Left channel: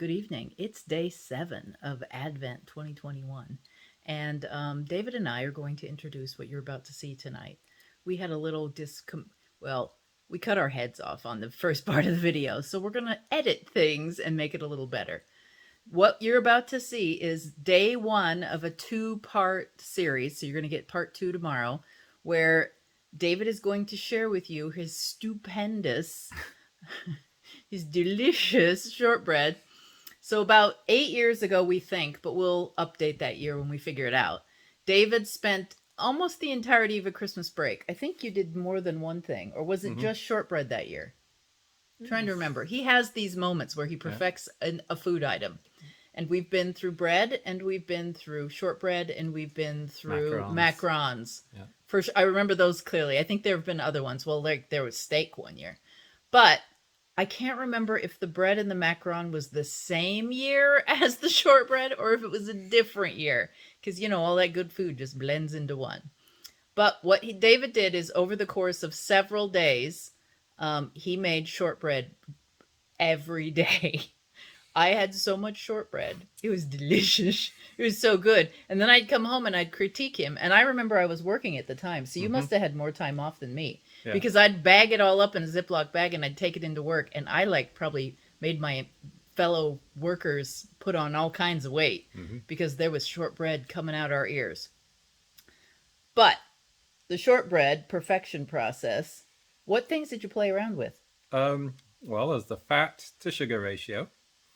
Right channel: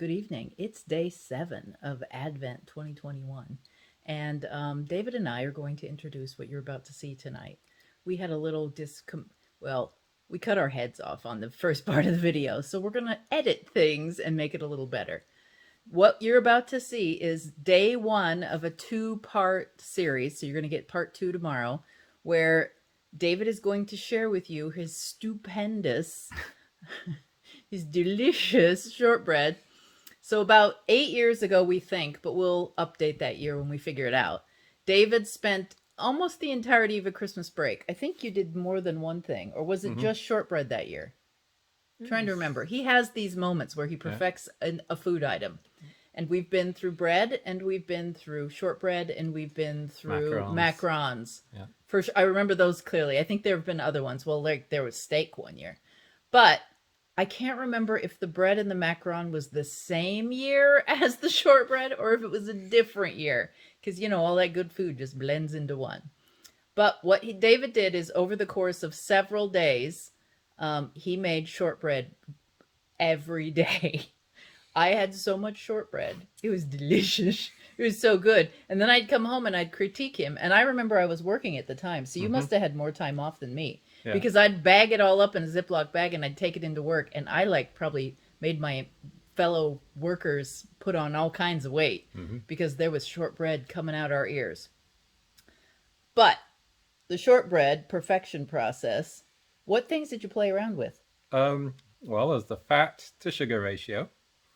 good evening. It's day 7 of Advent 2021. And David and I are going to introduce what you're about to see tonight. We had a little well, we cut our heads off on the first part of the video, so we're going to edit things and make it a little better. What you're about to see is day 1 of a 2-part series. So you're going to get part 2 tomorrow, where David is going to share with you his stupendous his delicious shortbread. So about 8 years ago, we think, but we'll update that year when we figure it out, David spent almost the entirety of a Christmas break. I think you did more than one thing, or was it just shortbread that year? I'm trying to remember. He has these moments where he perfects a food item. And we've been through bread, and we've been through shortbread, and we've been through macarons. Yeah. I remember those clearly. I think there have been other ones. Well, like there was steak one year. But I can't remember if the bread and the macaron was the same year as the shortbread or if it was a different year. Because, you know, all that good food just blends into one. But what David did is over the course of several days, he made shortbread every day. I had so much shortbread. It was delicious. It was so good. And then I'd come home and I'd critique him. And I remember I was working at the time. So you must have had more time off than me. Yeah. Because I'd bag it all up in a Ziploc bag and I'd take it into work. And I probably made my fellow workers put on all kinds of weight because there was shortbread coming out our ears. But the shortbread perfection process, what things did you play around with? Well, there's the fat to sugar ratio.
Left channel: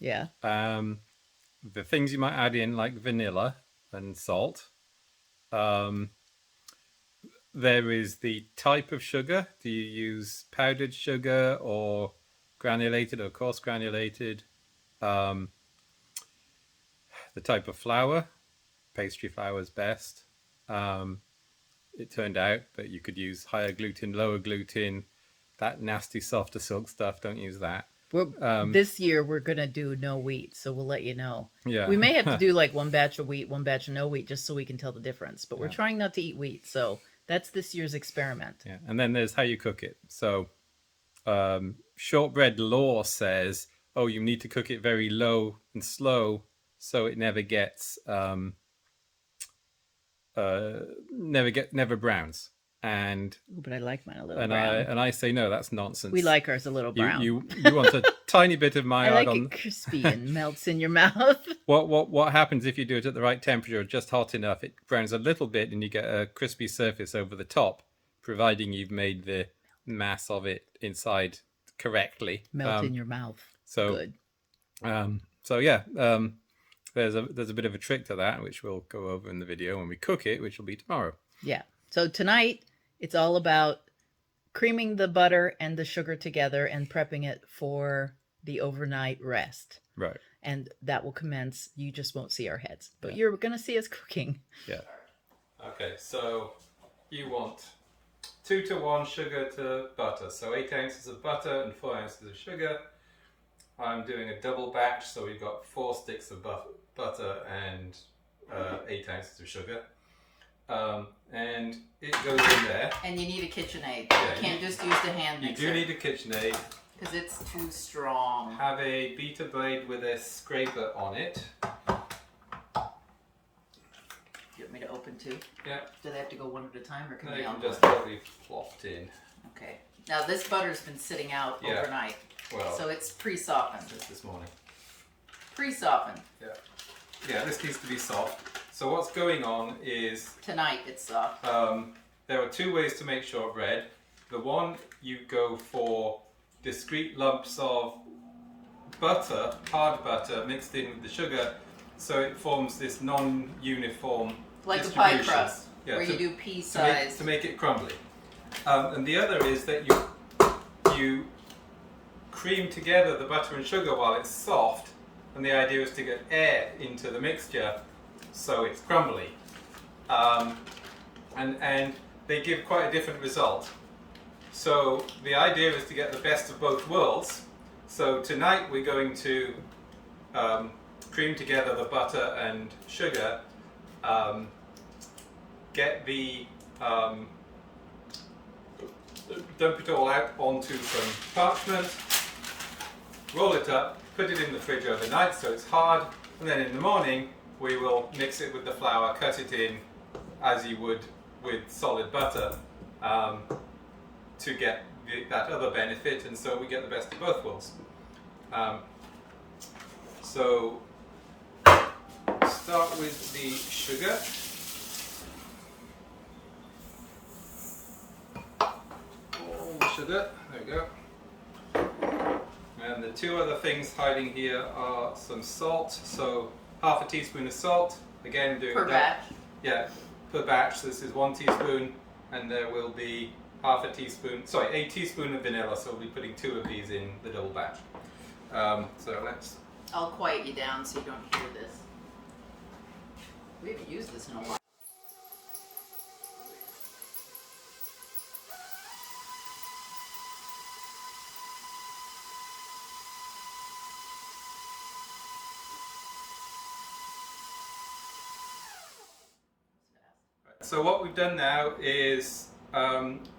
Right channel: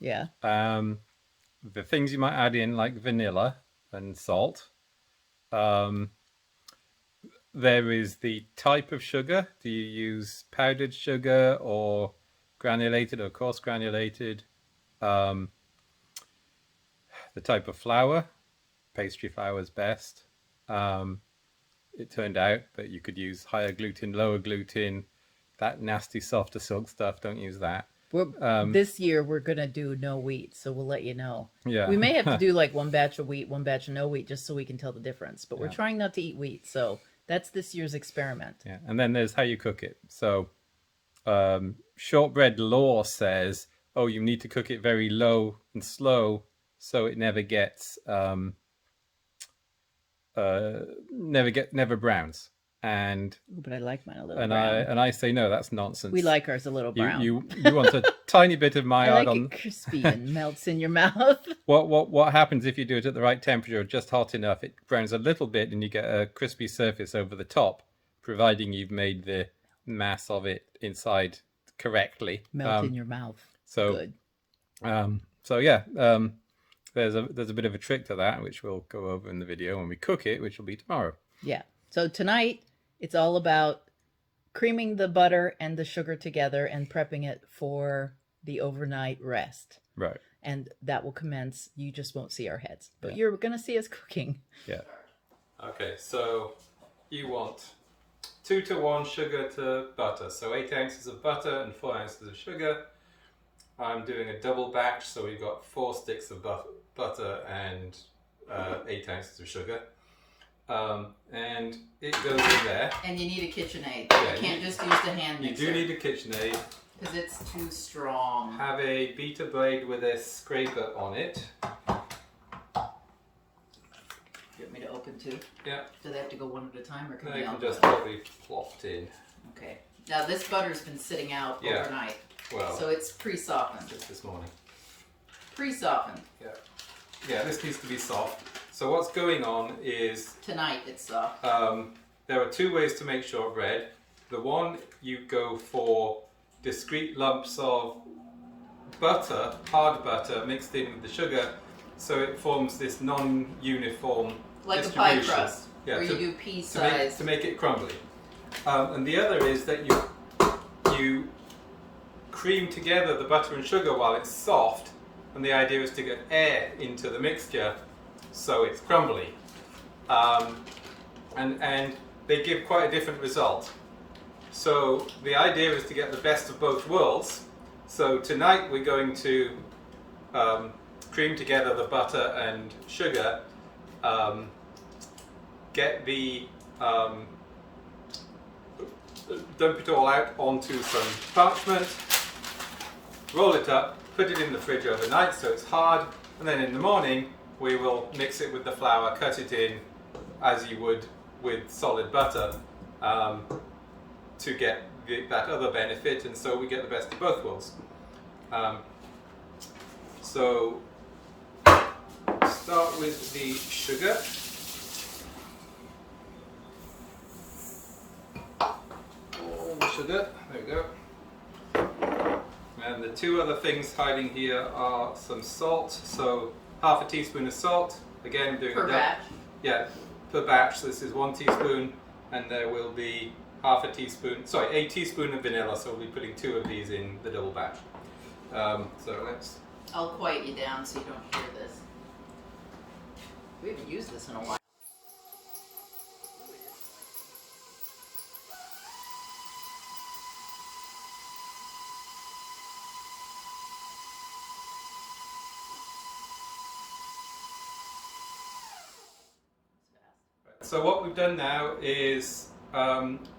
Yeah. The things you might add in like vanilla and salt. There is the type of sugar. Do you use powdered sugar or granulated or coarse granulated? The type of flour. Pastry flour is best. It turned out that you could use higher gluten, lower gluten. That nasty softer silk stuff, don't use that. This year we're going to do no wheat, so we'll let you know. Yeah. We may have to do like one batch of wheat, one batch of no wheat, just so we can tell the difference. But we're trying not to eat wheat, so that's this year's experiment. Yeah, and then there's how you cook it. So shortbread law says, oh, you need to cook it very low and slow so it never gets, never browns. But I like mine a little brown. I say no, that's nonsense. We like ours a little brown. You want a tiny bit of maillard on it crispy and melts in your mouth. What happens if you do it at the right temperature, just hot enough? It browns a little bit, and you get a crispy surface over the top, providing you've made the mass of it inside correctly. Melt in your mouth. So good. There's a bit of a trick to that, which we'll go over in the video when we cook it, which will be tomorrow. Yeah. So tonight, it's all about creaming the butter and the sugar together and prepping it for the overnight rest. Right. And that will commence. You just won't see our heads, but you're going to see us cooking. Yeah. Okay, so you want 2-to-1 sugar to butter. So 8 ounces of butter and 4 ounces of sugar. I'm doing a double batch, so we've got 4 sticks of butter and 8 ounces of sugar. And it goes in there. And you need a KitchenAid. Yeah, you can't just use the hand mixer. You do need a KitchenAid. Because it's too strong. Have a beater blade with a scraper on it. You want me to open too? Yeah. Do they have to go one at a time, or can they all can just probably plopped in. Okay. Now this butter's been sitting out overnight. Well, so it's pre-softened. Just this morning. Pre-softened. Yeah. Yeah, this needs to be soft. So what's going on is... Tonight it's soft. There are 2 ways to make shortbread. The one, you go for discrete lumps of butter, hard butter, mixed in with the sugar, so it forms this non-uniform like distribution. A pie crust, where you do pea size. To make it crumbly. And the other is that you cream together the butter and sugar while it's soft, and the idea is to get air into the mixture so it's crumbly. And they give quite a different result. So the idea is to get the best of both worlds. So tonight we're going to cream together the butter and sugar, get the dump it all out onto some parchment, roll it up, put it in the fridge overnight so it's hard, and then in the morning we will mix it with the flour, cut it in as you would with solid butter, to get that other benefit, and so we get the best of both worlds. So start with the sugar. All the sugar, there we go. And the two other things hiding here are some salt, so half a teaspoon of salt. Again, I'm doing Per batch? Yeah, per batch. So this is 1 teaspoon, and there will be a teaspoon of vanilla, so we'll be putting 2 of these in the double batch. So let's... I'll quiet you down so you don't hear this. We haven't used this in a while. So what we've done now is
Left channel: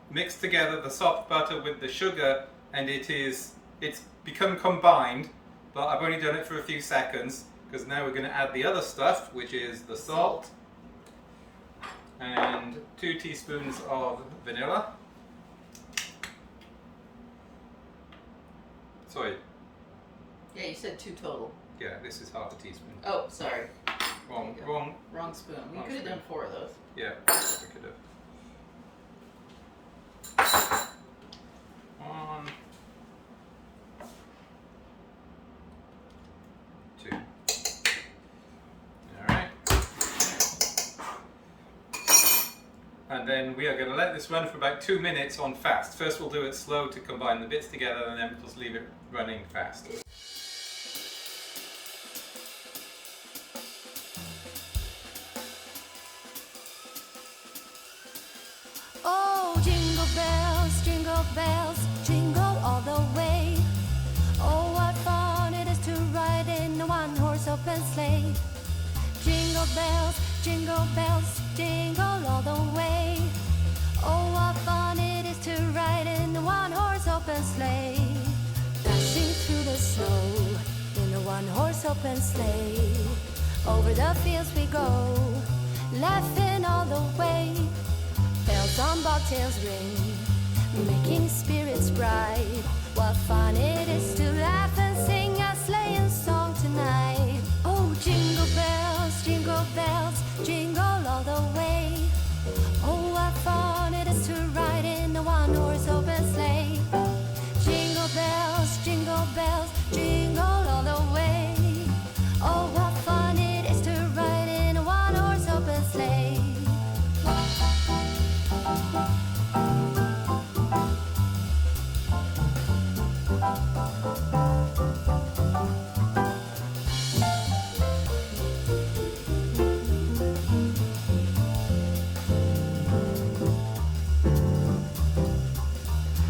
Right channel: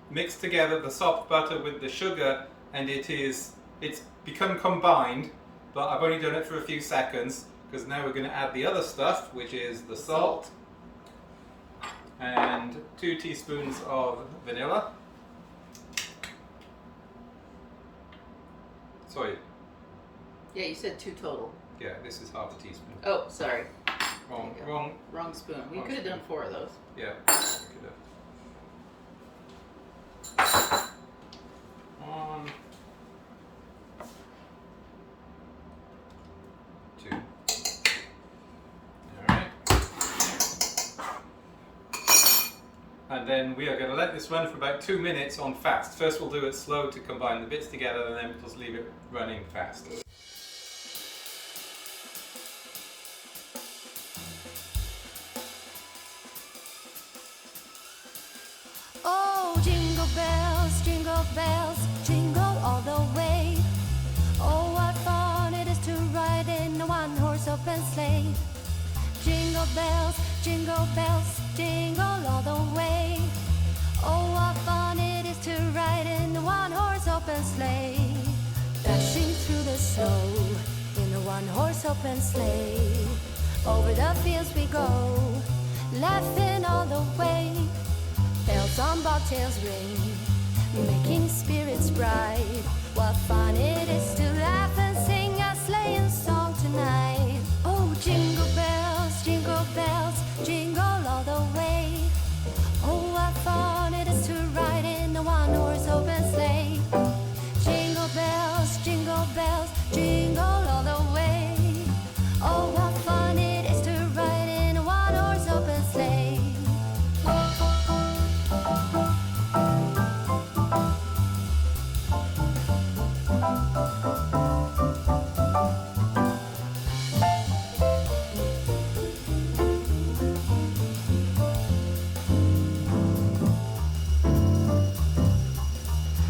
mixed together the soft butter with the sugar, and it's become combined, but I've only done it for a few seconds because now we're going to add the other stuff, which is the salt and 2 teaspoons of vanilla. Sorry. Yeah, you said 2 total. Yeah, this is half a teaspoon. Oh, sorry. Wrong spoon. We wrong could have spoon. done 4 of those. Yeah, we could have. 1, 2. Alright. And then we are going to let this run for about 2 minutes on fast. First we'll do it slow to combine the bits together, and then we'll just leave it running fast. Oh, jingle bells, jingle all the way. Oh, what fun it is to ride in a one-horse open sleigh. Jingle bells, jingle all the way. Oh, what fun it is to ride in a one-horse open sleigh. Dashing through the snow in a one-horse open sleigh. Over the fields we go, laughing all the way. Bells on bobtails ring, making spirits bright. What fun it is to laugh and sing a sleighing song tonight. Oh, jingle bells, jingle all the way. Oh, what fun it is to ride in a one-horse open sleigh. Jingle bells, jingle all the way. Oh, what fun it is to ride in a one-horse open sleigh.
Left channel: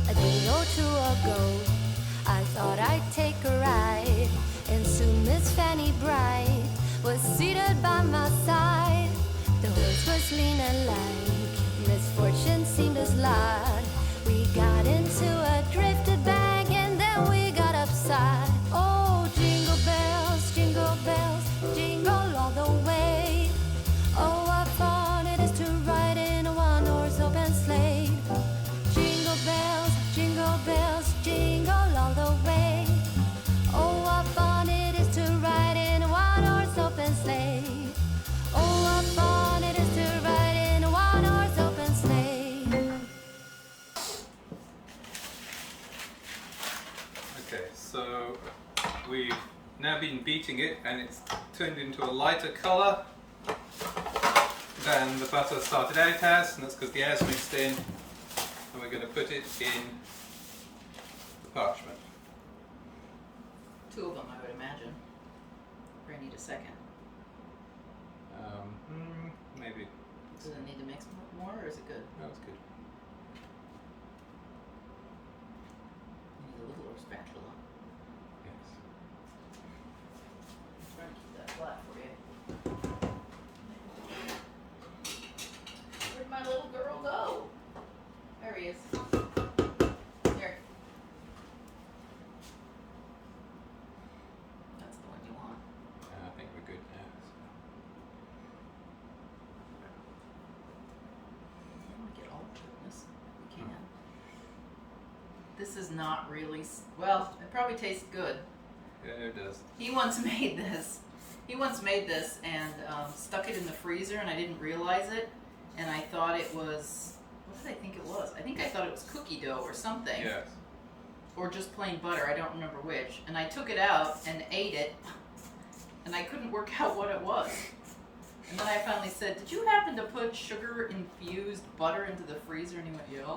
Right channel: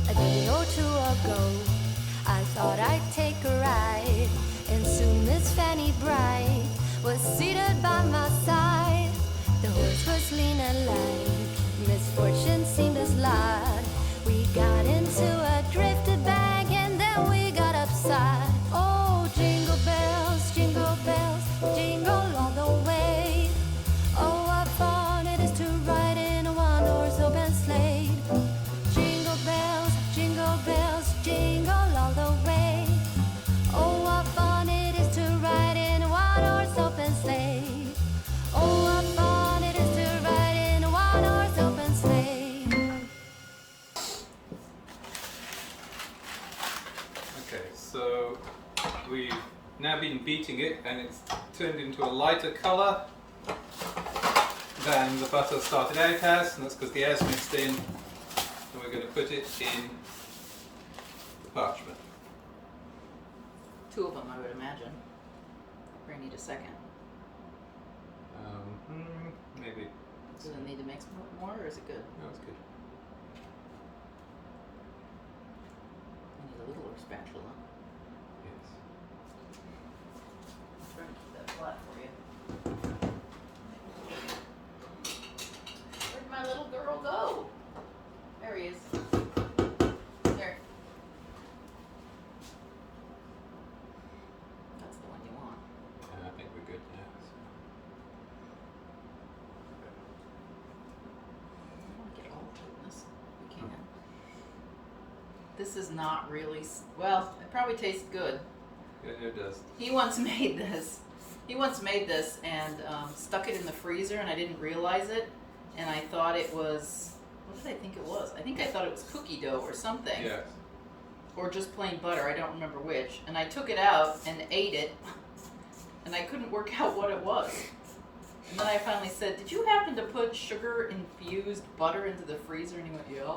A day or 2 ago, I thought I'd take a ride, and soon Miss Fanny Bright was seated by my side. The horse was lean and lank, misfortune seemed his lot. We got into a drifted bank, and then we got upside. Oh, jingle bells, jingle all the way. Oh, what fun it is to ride in a one-horse open sleigh. Jingle bells, jingle all the way. Oh, what fun it is to ride in a one-horse open sleigh. Oh, what fun it is to ride in a one-horse open sleigh. Okay, so we've now been beating it, and it's turned into a lighter colour than the butter started out as, and that's because the air's mixed in. And we're going to put it in the parchment. 2 of them, I would imagine. Or I need a second. Maybe. Does it need to mix more, or is it good? That was good. I need a littler spatula. Yes. I'm trying to keep that flat for you. Where'd my little girl go? There he is. Here. This is not really, well, it probably tastes good. Yeah, it does. He once made this. He once made this and stuck it in the freezer, and I didn't realize it. And I thought it was, what did I think it was? I think I thought it was cookie dough or something. Yes. Or just plain butter, I don't remember which. And I took it out and ate it, and I couldn't work out what it was. And then I finally said, did you happen to put sugar-infused butter into the freezer? And he went, yeah.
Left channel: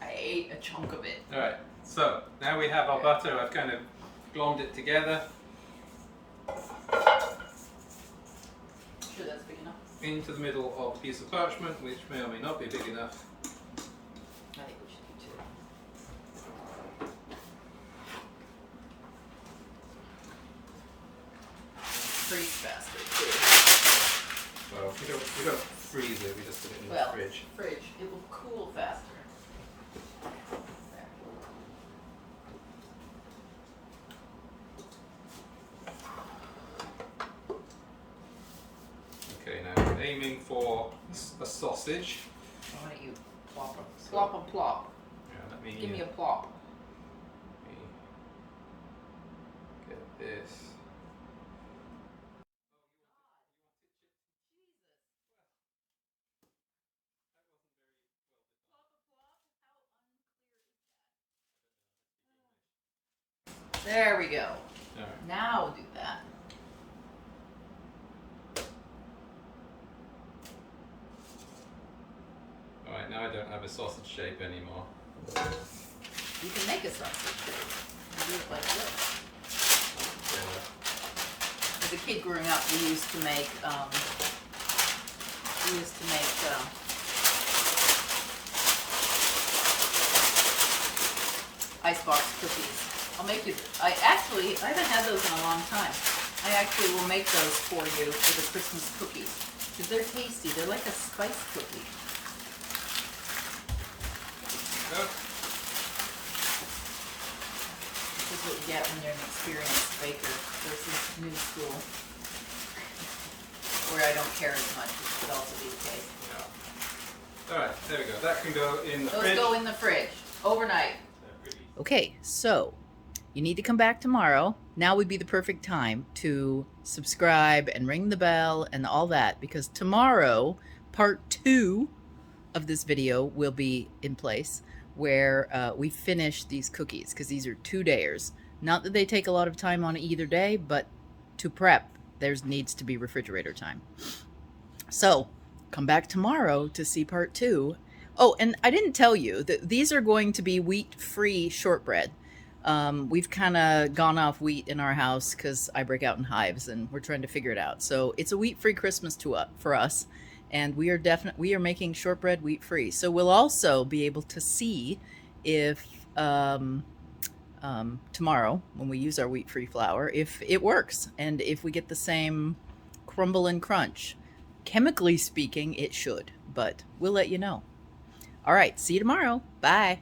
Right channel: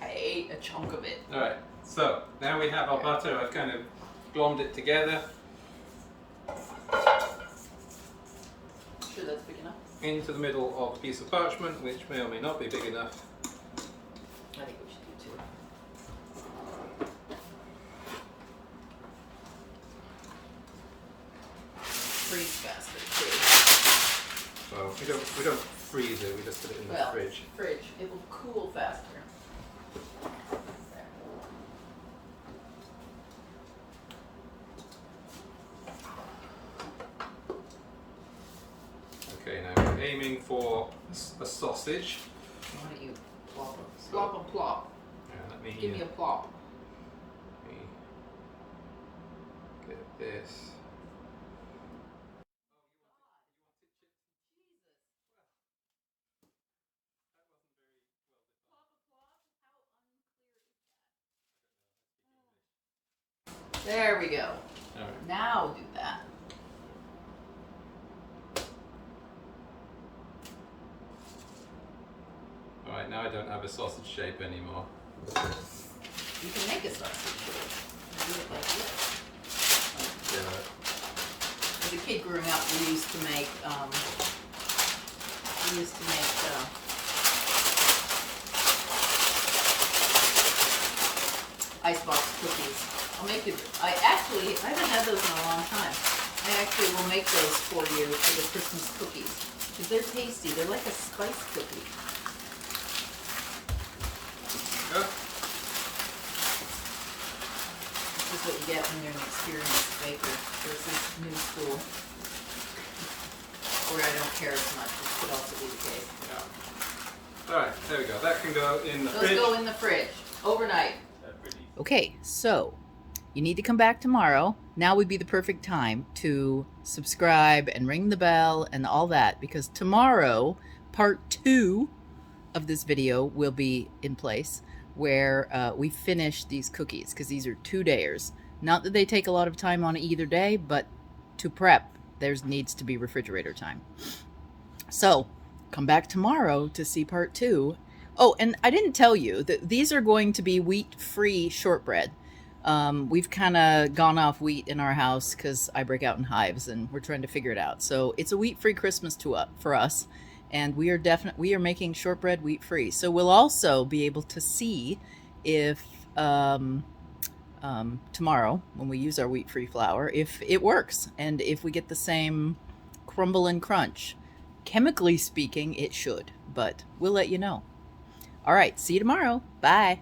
I ate a chunk of it. Alright, so now we have our butter. I've kind of glommed it together Sure that's big enough? into the middle of a piece of parchment, which may or may not be big enough. I think we should do two. Freeze faster too. Well, we don't freeze it, we just put it in the fridge. Fridge. It will cool faster. Okay, now we're aiming for a sausage. Why don't you plop them? Plop them, plop. Yeah, let me Give me a plop. get this. There we go. Alright. Now do that. Alright, now I don't have a sausage shape anymore. You can make a sausage. Do it like this. Yeah. As a kid growing up, we used to make icebox cookies. I'll make you. I haven't had those in a long time. I actually will make those for you for the Christmas cookies because they're tasty. They're like a spice cookie. Go. This is what you get when you're an experienced baker versus new school, where I don't care as much, which could also be the case. Yeah. Alright, there we go. That can go in the Those fridge. go in the fridge overnight. Okay, so you need to come back tomorrow. Now would be the perfect time to subscribe and ring the bell and all that, because tomorrow, part 2 of this video will be in place where we finish these cookies, because these are 2-dayers. Not that they take a lot of time on either day, but to prep, there needs to be refrigerator time. So come back tomorrow to see part 2. Oh, and I didn't tell you that these are going to be wheat-free shortbread. We've kind of gone off wheat in our house because I break out in hives and we're trying to figure it out. So it's a wheat-free Christmas for us. And we are making shortbread wheat-free. So we'll also be able to see if tomorrow, when we use our wheat-free flour, if it works and if we get the same crumble and crunch. Chemically speaking, it should, but we'll let you know. All right, see you tomorrow. Bye.